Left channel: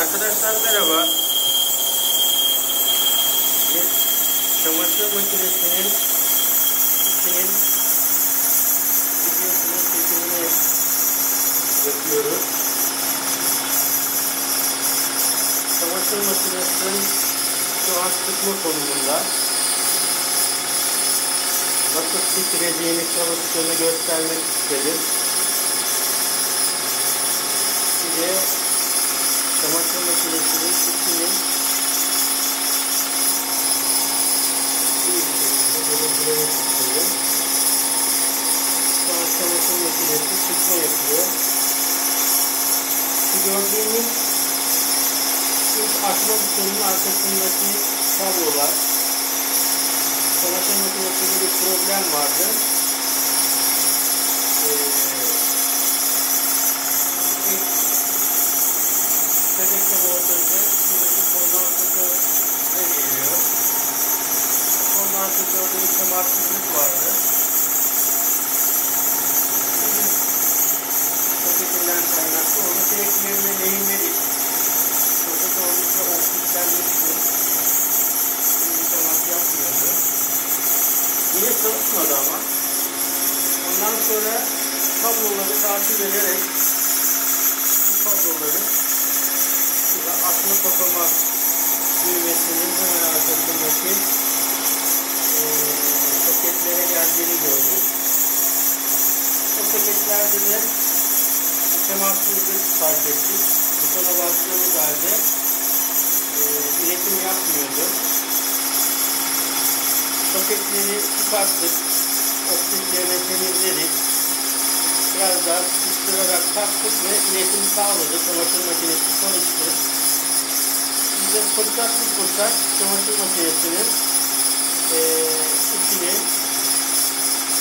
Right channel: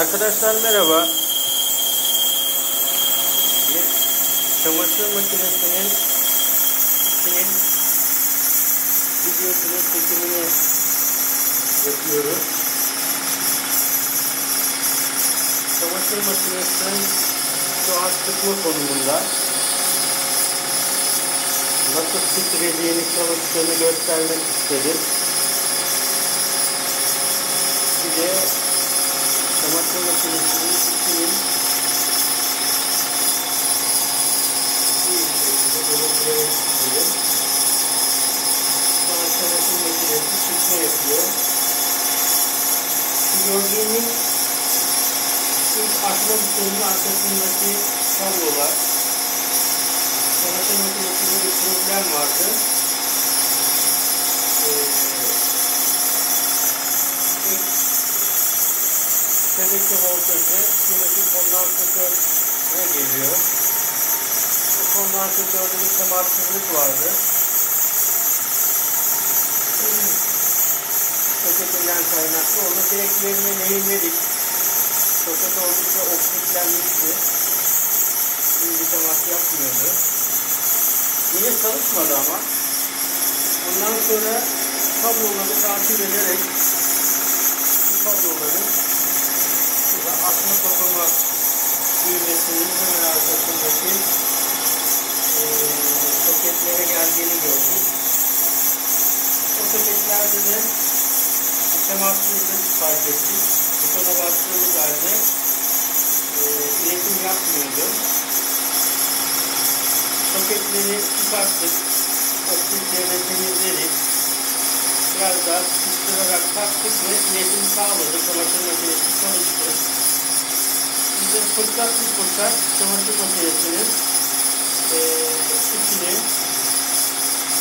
Arkadaşlar merhaba. Bir çamaşır makinesinin içinin videosunun çekimini yapıyoruz. Çamaşır makinesinin şu an sıkma konumunda. Nasıl titrediğini, çalıştığını göstermek istedim. Bir de çamaşır makinesinin içinin görebilmek istedim. Şu an çamaşır makinesi sıkma yapıyor. Şu gördüğümüz ilk açma butonunun arkasındaki kablolar. Çamaşır makinesinde bir problem vardı. Şebeke voltajı şuradaki kondansatöre geliyor. O kondansatörde bir temassızlık vardı. Soketinden kaynaklı. Onu direklerine lehimledik. Soket oldukça oksitlenmişti. Bir temas yapmıyordu. Yine çalışmadı ama. Ondan sonra kabloları takip ederek bu kabloları açma kapama düğmesinin hemen arkasındaki soketlere geldiğini gördük. O soketlerde de temassızlık fark ettik. Butona bastığımız halde iletim yapmıyordu. Soketleri çıkarttık. Oksitlerini temizledik. Biraz daha sıkıştırarak taktık ve iletim sağladık. Çamaşır makinesi çalıştı. Bize fırsat çamaşır makinesinin içini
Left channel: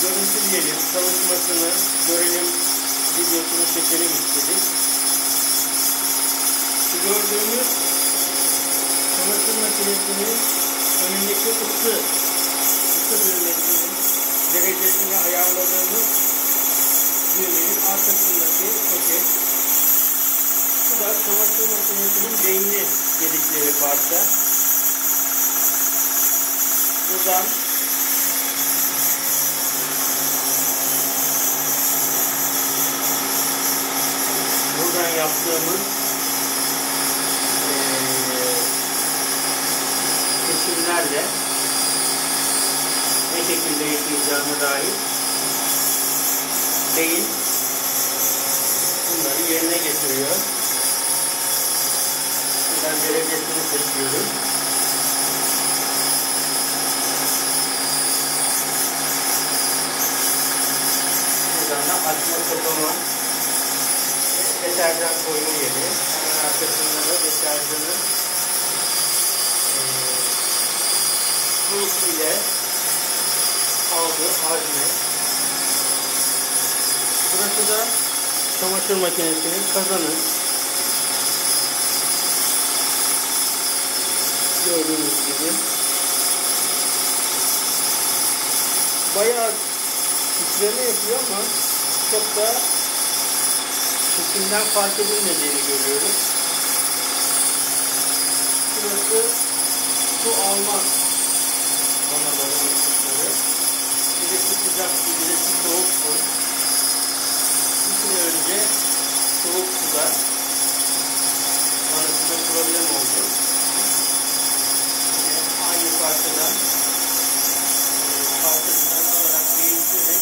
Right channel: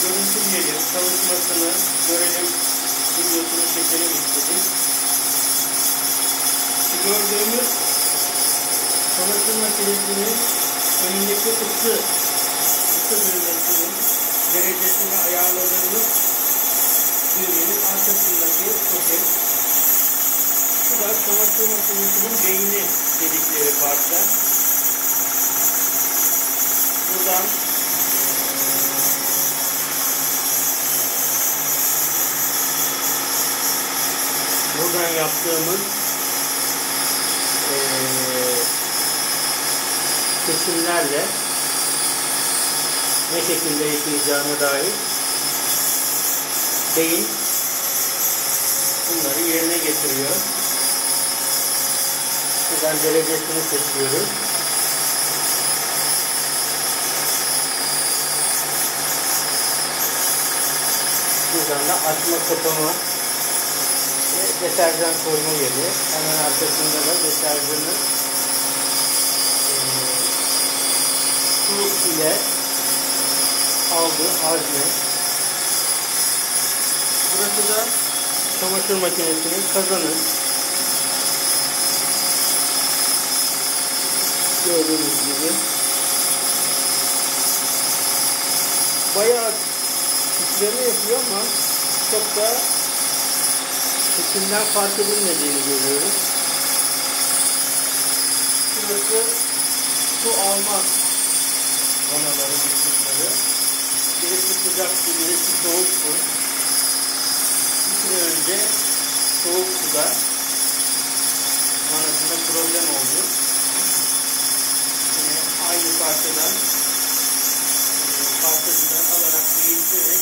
görüntüleyelim, çalışmasını görelim, videosunu çekelim istedik. Şu gördüğümüz çamaşır makinesinin önündeki ısı düğmesinin derecesini ayarladığımız düğmenin arkasındaki soket. Bu da çamaşır makinesinin beyni dedikleri parça. Buradan yaptığımız kesimlerle ne şekilde yıkayacağına dair beyin bunları yerine getiriyor. Buradan derecesini seçiyoruz. Buradan da açma kapama ve deterjan koyma yeri. Hemen arkasında da deterjanı su ile aldığı hazne. Burası da çamaşır makinesinin kazanı. Gördüğünüz gibi bayağı titreme yapıyor ama çok da sesinden fark edilmediğini görüyoruz. Burası su alma vanaların ışıkları. Birisi sıcak su, birisi soğuk su. Bir süre önce soğuk suda vanasında problem oldu. Yine aynı parçadan alarak değiştirerek